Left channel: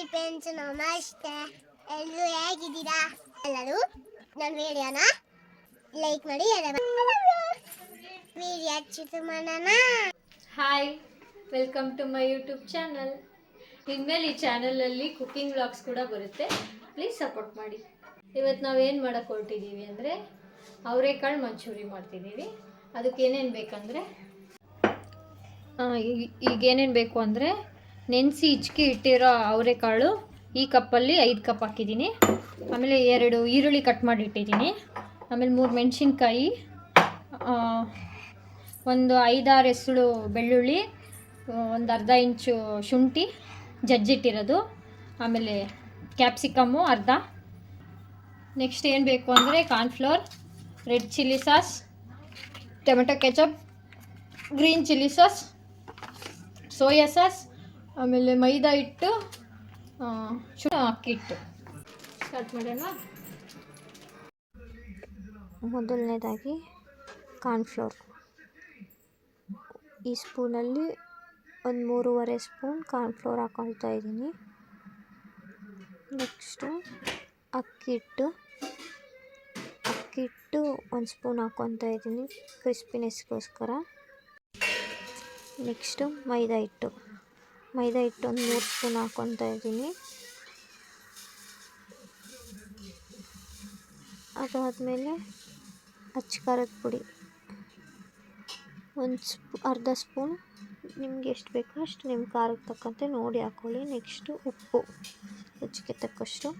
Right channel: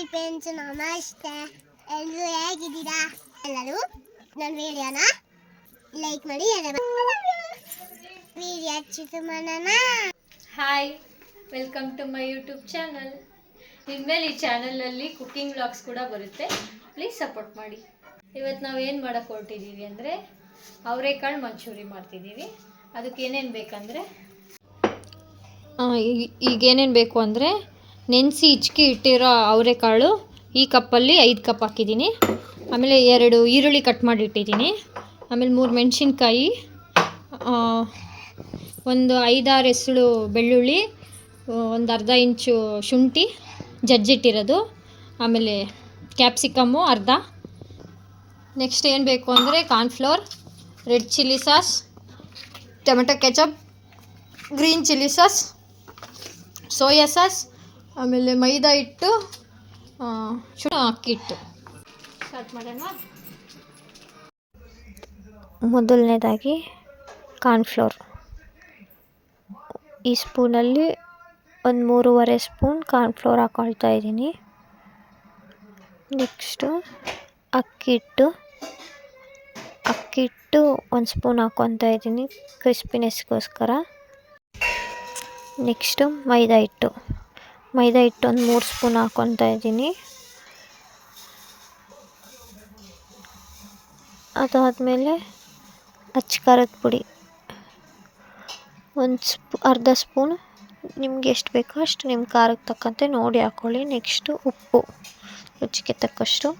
Hi friends ನಮಸ್ತೆ. ಎಲ್ಲರೂ ಹೇಗಿದ್ದೀರಾ ಎಲ್ಲರೂ ನನ್ನ ವಿಡಿಯೋನ ಲೈಕ್ ಮಾಡಿ ವಿಡಿಯೋ ಮಾಡೋಣ. Hi welcome to my YouTube channel ಇನ್ಮೇಲೆ ಈ ಚಾನಲಲ್ಲಿ ಕುಕ್ಕಿಂಗ್ ವ್ಲಾಗ್ಸ್ ಕೂಡ ಬರುತ್ತೆ. ಪ್ಲೀಸ್ ಸಪೋರ್ಟ್ ಮಾಡಿ. ಇವತ್ತು ನಾವು ಏನು ಮಾಡೋಕ್ಕೆ ಹೊರಟಿದ್ದೀವಿ ಅಂದರೆ ಅವರೆಕಾಳು ಮಂಚೂರಿ ಮಾಡ್ತಿದ್ದೀವಿ ಅದಕ್ಕೆ ಏನೇನು ಬೇಕಂದರೆ? ಈಗ ಏನೇನು ಬೇಕು ಅಂದರೆ ನೆನೆಸಿ ಹಿಚ್ಕಿ ಇಟ್ಟಿರೋ ಅವರೆಕಾಳು ಈ ಕಪ್ಪಲ್ಲಿ ಐದು ಕಪ್ ಹಾಕಿದ್ದೀನಿ. ಆಮೇಲೆ ಎರಡು ಈರುಳ್ಳಿ ಕಟ್ ಮಾಡಿ ಇಟ್ಟಿದ್ದೀನಿ. ಆಮೇಲೆ ಮೂರು ಮೆಣಸಿನ್ಕಾಯಿ ಒಂದು ಐದಾರು ಹೆಸಳು ಬೆಳ್ಳುಳ್ಳಿ ಒಂದು ಅರ್ಧ ಇಂಚು ಶುಂಠಿ ಜಜ್ಜಿಟ್ಟಿರೋದು. ಆಮೇಲೆ ಕ್ಯಾಪ್ಸಿಕಮ್ಮು ಅರ್ಧ. ನೆಕ್ಸ್ಟ್ ಏನು ಬೇಕು ಅಂದರೆ cornflour, red chilli sauce, tomato ketchup, green chilli sauce, soya sauce ಆಮೇಲೆ ಮೈದಾ ಹಿಟ್ಟು ಶುಣ ಅಕ್ಕಿ ಹಿಟ್ಟು. ಸ್ಟಾರ್ಟ್ ಮಾಡೋಣ. ಮೊದಲನೇದಾಗಿ ಕಾರ್ನ್ಫ್ಲೋರ್. ಈ ಸ್ಪೂನಲ್ಲಿ ಒಂದು ಮೂರುವರೆ ಸ್ಪೂನ್ ಕಾರ್ನ್ಫ್ಲೋರ್ ಹಾಕೊಳ್ತಾ ಇದ್ದೀನಿ. ನೆಕ್ಸ್ಟು ಅಕ್ಕಿ ಹಿಟ್ಟು. ಅಕ್ಕಿ ಒಂದು ಸ್ಪೂನ್ ಹಾಕ್ಕೊತಾ ಇದ್ದೀನಿ ಕ್ರಿಸ್ಪಿನೆಸ್ಗೋಸ್ಕರ. ನೆಕ್ಸ್ಟು ಮೈದಾ ಹಿಟ್ಟು. ಮೈದಾ ಹಿಟ್ಟು ಒಂದು ಮೂರು ಸ್ಪೂನ್ ಹಾಕ್ಕೊತಾ ಇದ್ದೀನಿ. ಅದಾದಮೇಲೆ ಅಚ್ಚ ಖಾರದ ಪುಡಿ. ಒಂದು ಸ್ಪೂ, ಅರ್ಧ ಸ್ಪೂನ್. ನಿಮ್ಗೆ ಎಷ್ಟು ಬೇಕೋ ಅಷ್ಟು ನಿಮ್ಮ ಖಾರಕ್ಕೆ ತಕ್ಕಂತೆ ನೋಡಿ ಹಾಕ್ಕೊಳ್ಳಿ ನೆಕ್ಸ್ಟು ಉಪ್ಪು, ರುಚಿಗೆ ತಕ್ಕಷ್ಟು.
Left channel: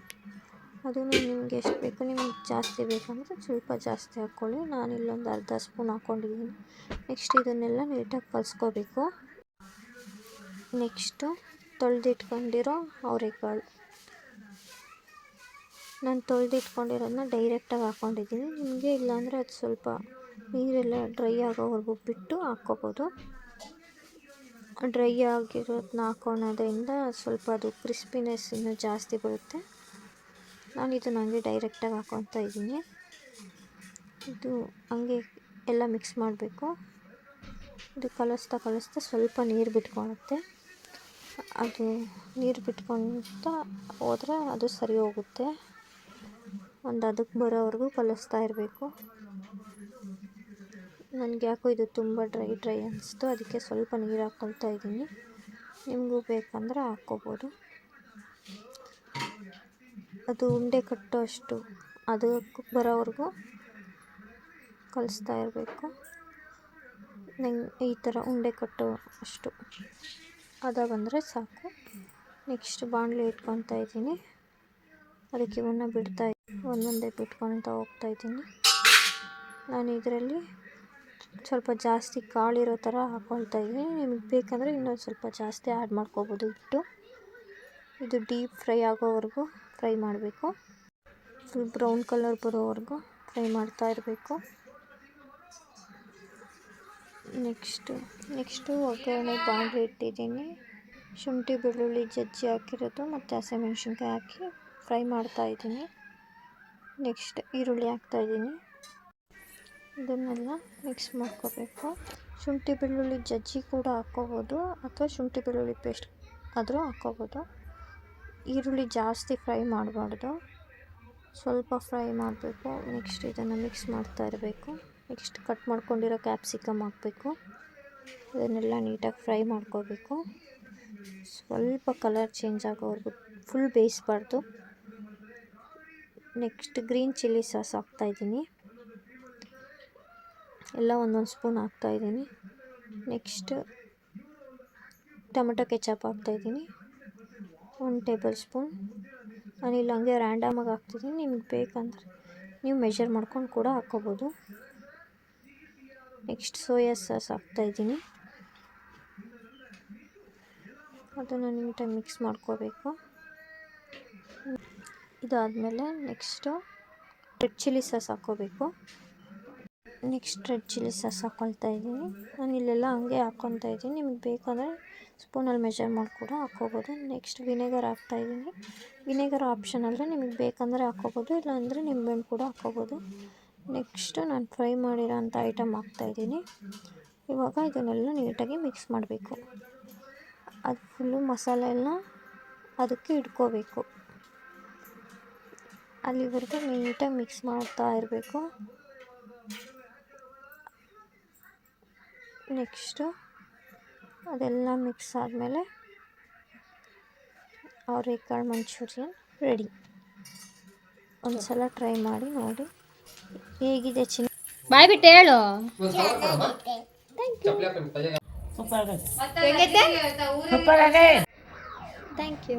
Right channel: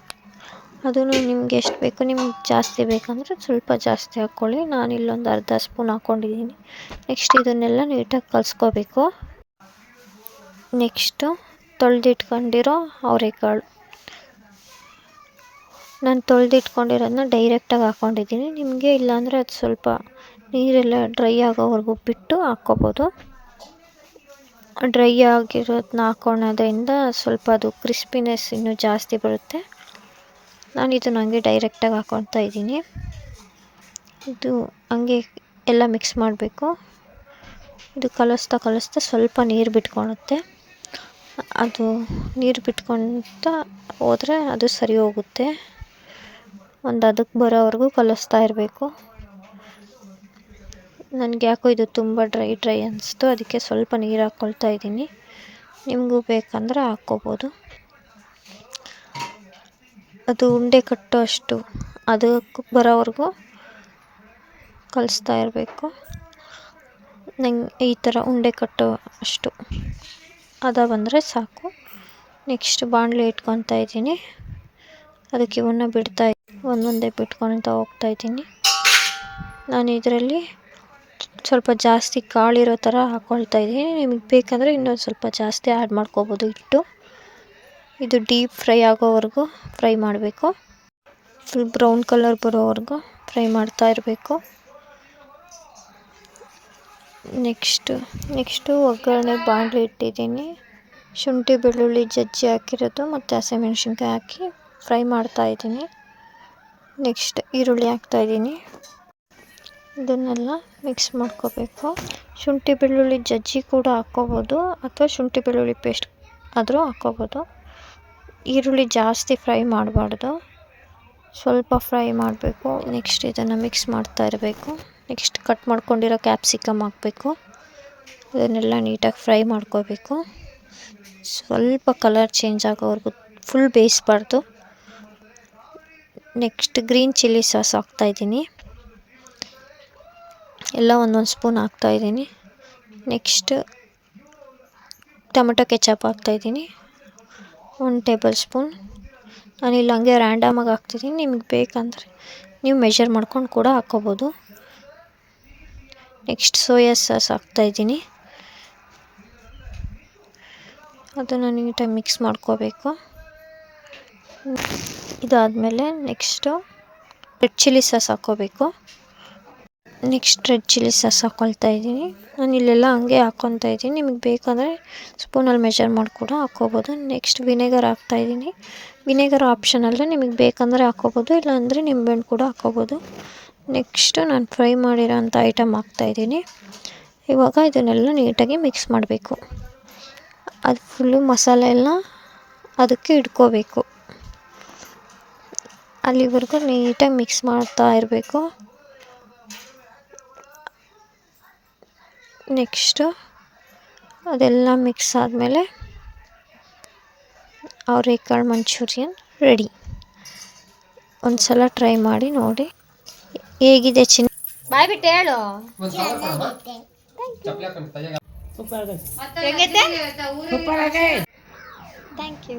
ಅದನ್ನು ನಿಮ್ಗೆ ಎಷ್ಟು ಬೇಕು ನಿಮ್ಗೆ ಜಾಸ್ತಿ ಬೇಕಂದರೆ ಸ್ವಲ್ಪ ಜಾಸ್ತಿ ಹಾಕ್ಕೊಳ್ಳಿ ನಾನು ಇಲ್ಲೊಂದು ಅರ್ಧ ಸ್ಪೂನ್ ಹಾಕ್ಕೊಂಡಿದ್ದೀನಿ ನೆಕ್ಸ್ಟ್ ಇದನ್ನೆಲ್ಲ ನೀಟಾಗಿ ಕಲಿಸ್ಕೋಬೇಕು. ನೆಕ್ಸ್ಟು ತೊಳೆದಿಟ್ಕೊಂಡಿರೋ ಅವರೆಕಾಳು. ನಾನು ತೊಳೆದಿಟ್ಕೊಂಡಿರೋದನ್ನ ಡೈರೆಕ್ಟಾಗಿ ಹಾಕ್ಕೊಂಡಿದ್ದೀನಿ. ನಿಮಗೆ ಇಲ್ಲಾಂದರೆ ಅದು ಸ್ವಲ್ಪ ನೀರೆಲ್ಲ ಡ್ರೈ ಆಗೋವರೆಗೂ ಬಿಟ್ಟು ಹಾಕ್ಕೋಬೋದು. ಡ್ರೈ ಆಗಿರೋದನ್ನ ಹಾಕ್ಕೊಳೋದ್ರಿಂದ ಸ್ವಲ್ಪ ಅದು ಕ್ರಿಸ್ಪಿನೆಸ್ ಇನ್ನೂ ಜಾಸ್ತಿ ಬರುತ್ತೆ. ನಾನು ಇದನ್ನು ಹಂಗೆ ಡೈರೆಕ್ಟಾಗಿ ಹಾಕ್ಕೊತಾ ಇದ್ದೀನಿ. ಇದು ಹಂಗೆ ಎಲ್ಲ ಮಿಕ್ಸ್ ಮಾಡಬೇಕು. ಇದು ಕಲಿಸ್ತಾ ಕಲಿಸ್ತಾ ಸ್ವಲ್ಪ ನೀರು ಬಿಟ್ಕೊಳುತ್ತೆ. ಅದು ನೀರು ಬಿಟ್ಕೊಳ್ತಾ ಹೋದರೆ ಅದು ಸರಿ ಹೋಗುತ್ತೆ. ಒಂದು ಅದಕ್ಕೆ ಬರೋವರೆಗೂ ಕಲಿಸ್ತಾ ಇರಬೇಕು. ನನಗೆ ಯಾಕೋ ಇದು ತುಂಬ ಡ್ರೈ ಡ್ರೈ ಅನಿಸ್ತು. ಅದಕ್ಕೆ ಸ್ವಲ್ಪ ನೀರು ಹಾಕ್ಕೊಳ್ತಾ ಇದ್ದೀನಿ. ನಿಮಗೂ ಬೇಕಂದರೆ ಹಾಕ್ಕೋಬೋದು. ಅದು ಉಂಡೆ ಕಟ್ಟೋ ಅಷ್ಟು ಅದಕ್ಕೆ ಬರೋವರೆಗೂ ಕಲಿಸ್ತಾ ಇರಬೇಕು. ನಂಗೆ ಈ ಥರ ಉಂಡೆ ಕಟ್ಟೋ ಅಷ್ಟು. ಅದ ಬಂದರೆ ಸಾಕು. ನೆಕ್ಸ್ಟ್ ಬಾಣಲೆ ಇಟ್ಕೊತಾ ಇದ್ದೀನಿ. ಅದಕ್ಕೆ ಇವನ್ನ ಬಿಡ್ತಾ ಒಂದೊಂದೇ ಬಿಟ್ಕೊಳ್ತಾ ಹೋಗ್ತಾ ಇದ್ದೀನಿ. ನಾನು ಇದರಲ್ಲಿ ಸ್ವಲ್ಪ ಜಾಸ್ತಿ ಕಾಳಿರೋ ಥರ ಹಾಕ್ಕೊಳ್ತಾ ಇದ್ದೀನಿ. ನಿಮಗೆ ಬೇಕಂದರೆ ಇನ್ನೊಂದು ಸ್ವಲ್ಪ ಜಾಸ್ತಿ ಆ್ಯಡ್ ಮಾಡ್ಕೋಬೋದು ಹಿಟ್ಟು. ಇದು ಡೀಪ್ ಫ್ರೈ ಆಗೋವರೆಗೂ ಫ್ರೈ ಮಾಡಬೇಕು. ಫುಲ್ ಬ್ರೌನ್ ಕಲರ್ ಬರೋವರೆಗೂ ಫ್ರೈ ಮಾಡ್ತಾ ಇರಬೇಕು. ನೆಕ್ಸ್ಟು ನೆಕ್ಸ್ಟು ಒಗ್ಗರಣೆ ಬಾಣಲೆ ಇಟ್ಟಿದ್ದೀನಿ. ಶುಂಠಿ, ಬೆಳ್ಳುಳ್ಳಿ, ಜಜ್ಜಿ ಹಾಕಿರೋದು ಮತ್ತು ಹಸಿಮೆಣ್ಸಿನ್ಕಾಯಿ ಹಾಕಿ ಫ್ರೈ ಮಾಡ್ತಾ ಇದ್ದೀನಿ. ನೆಕ್ಸ್ಟ್ ಈರುಳ್ಳಿ ಹಾಕ್ತಾ ಹಾಕ್ತಾಯಿದ್ದೀನಿ ಇದನ್ನೆಲ್ಲ ಮಿಕ್ಸ್ ಮಾಡ್ಕೋಬೇಕು. ಶುಂಠಿ, ಬೆಳ್ಳುಳ್ಳಿ, ಜಜ್ಜಿ ಕೂಡ ಹಾಕ್ಕೋಬೋದು ಅಥವಾ ಶುಂಠಿ, ಬೆಳ್ಳುಳ್ಳಿ ಪೇಸ್ಟ್ ಆದರೂ ಹಾಕ್ಕೋಬೋದು. ಈರುಳ್ಳಿ ಜಾಸ್ತಿ ಫ್ರೈ ಮಾಡಬಾರ್ದು. ಸ್ವಲ್ಪ ಫ್ರೈ ಮಾಡಬೇಕು. ನೆಕ್ಸ್ಟ್ ಇದನ್ನು ಮಿಕ್ಸ್ ಮಾಡ್ತಾ ಇರಬೇಕು. ನೆಕ್ಸ್ಟ್ ಕಟ್ ಮಾಡ್ಕೊಂಡಿರೋ ಕ್ಯಾಪ್ಸಿಕಮ್ ಹಾಕಬೇಕು. ಇದನ್ನೆಲ್ಲ ನೀಟಾಗಿ ಫ್ರೈ ಮಾಡ್ಕೋಬೇಕು. ಸ್ವಲ್ಪ ಕಲರ್ ಚೇಂಜ್ ಆಗೋವರೆಗೂ ಫುಲ್ ಬೇಯಿಸ್ಬಾರ್ದು. ನೆಕ್ಸ್ಟ್ ಗ್ರೀನ್ ಚಿಲ್ಲಿ ಸಾಸ್ ಹಾಕ್ತಾಯಿದ್ದೀನಿ ಎಲ್ಲ ಒಂದೊಂದು ಸ್ಪೂನ್ ಹಾಕ್ತಾಯಿದ್ದೀನಿ ನೆಕ್ಸ್ಟ್ ಟೊಮೆಟೊ ಕೆಚಪ್ ಹಾಕ್ತಾಯಿದ್ದೀನಿ ಒಂದು ಟೇಬಲ್ ಸ್ಪೂನ್. ನಾನಿಲ್ಲಿ ಹಂಗೆ ರ್ಯಾಂಡಮಾಗಿ ಹಾಕ್ತಿದ್ದೀನಿ. ನಿಮಗೆ ಬೇಕಂದರೆ ನೀವು ಮೆಷರ್ ಮಾಡ್ಕೊಂಡು ಕೂಡ ಹಾಕ್ಕೋಬೋದು. ನೆಕ್ಸ್ಟ್ ಸೋಯಾ ಸಾಸ್ ಹಾಕ್ತಾಯಿದ್ದೀನಿ ಅದನ್ನು ನೀಟಾಗಿ ಮಿಕ್ಸ್ ಮಾಡ್ಕೋಬೇಕು. ಇದಾದಮೇಲೆ ನೆಕ್ಸ್ಟು ರೆಡ್ ಚಿಲ್ಲಿ ಸಾಸ್ ಹಾಕ್ಕೋಬೇಕು ನೆಕ್ಸ್ಟ್ ರೆಡ್ ಚಿಲ್ಲಿ ಸಾಸ್ ಹಾಕ್ಕೊಳ್ತಾ ಇದ್ದೀನಿ. ನಾನು ಇಲ್ಲೆಲ್ಲ ಹಂಗೆ ಹಾಕ್ಕೊತಾ ಇದ್ದೀನಿ. ನಿಮಗೆ ಬೇಕಂದರೆ ಸ್ಪೂನಲ್ಲಿ ಮೆಷರ್ ಮಾಡಿ ಕೂಡ ಹಾಕ್ಕೋಬೋದು ನೆಕ್ಸ್ಟ್ ವಿನೆಗರ್ ಹಾಕ್ತಾಯಿದ್ದೀನಿ ವಿನೆಗರ್ ಆಪ್ಷನಲ್ಲೇ ನಿಮಗೆ ಬೇಕಂದರೆ ಹಾಕ್ಕೋಬೋದು ಇಲ್ಲಾಂದರೆ ನಿಂಬೆಹಣ್ಣು ಕೂಡ ಹಾಕ್ಕೋಬೋದು ನೆಕ್ಸ್ಟು ನಾನು ಫ್ರೈ ಮಾಡಿರೋಂಥ ಐಟಮ್ ಹಾಕ್ತಾಯಿದ್ದೀನಿ ಇವಾಗ ಇದನ್ನೆಲ್ಲ ನೀಟಾಗಿ ಮಿಕ್ಸ್ ಮಾಡಬೇಕು. ಅದು ಫುಲ್ಲು ಮಸಾಲೆ ಎಲ್ಲ ಅದಕ್ಕೆ ಇಟ್ಕೋಬೇಕು. ಅಲ್ಲಿವರೆಗೂ ನೀಟಾಗಿ ಮಿಕ್ಸ್ ಮಾಡ್ತಾ ಇರಬೇಕು. ನೆಕ್ಸ್ಟು ಅದೆಲ್ಲ ಮಿಕ್ಸ್ ಆದಮೇಲೆ ಅವರೆಕಾಳು ಮಂಚೂರಿಯನ್ ರೆಡಿ. ಒಂದು ಸಲ ಟ್ರೈ ಮಾಡಿ ನೋಡಿ. ಹೇಗಿದೆ ಚಿನ್ನ? ಬಾಯ್ ಬಿಟ್ಟು ಹೇಳು. Thank you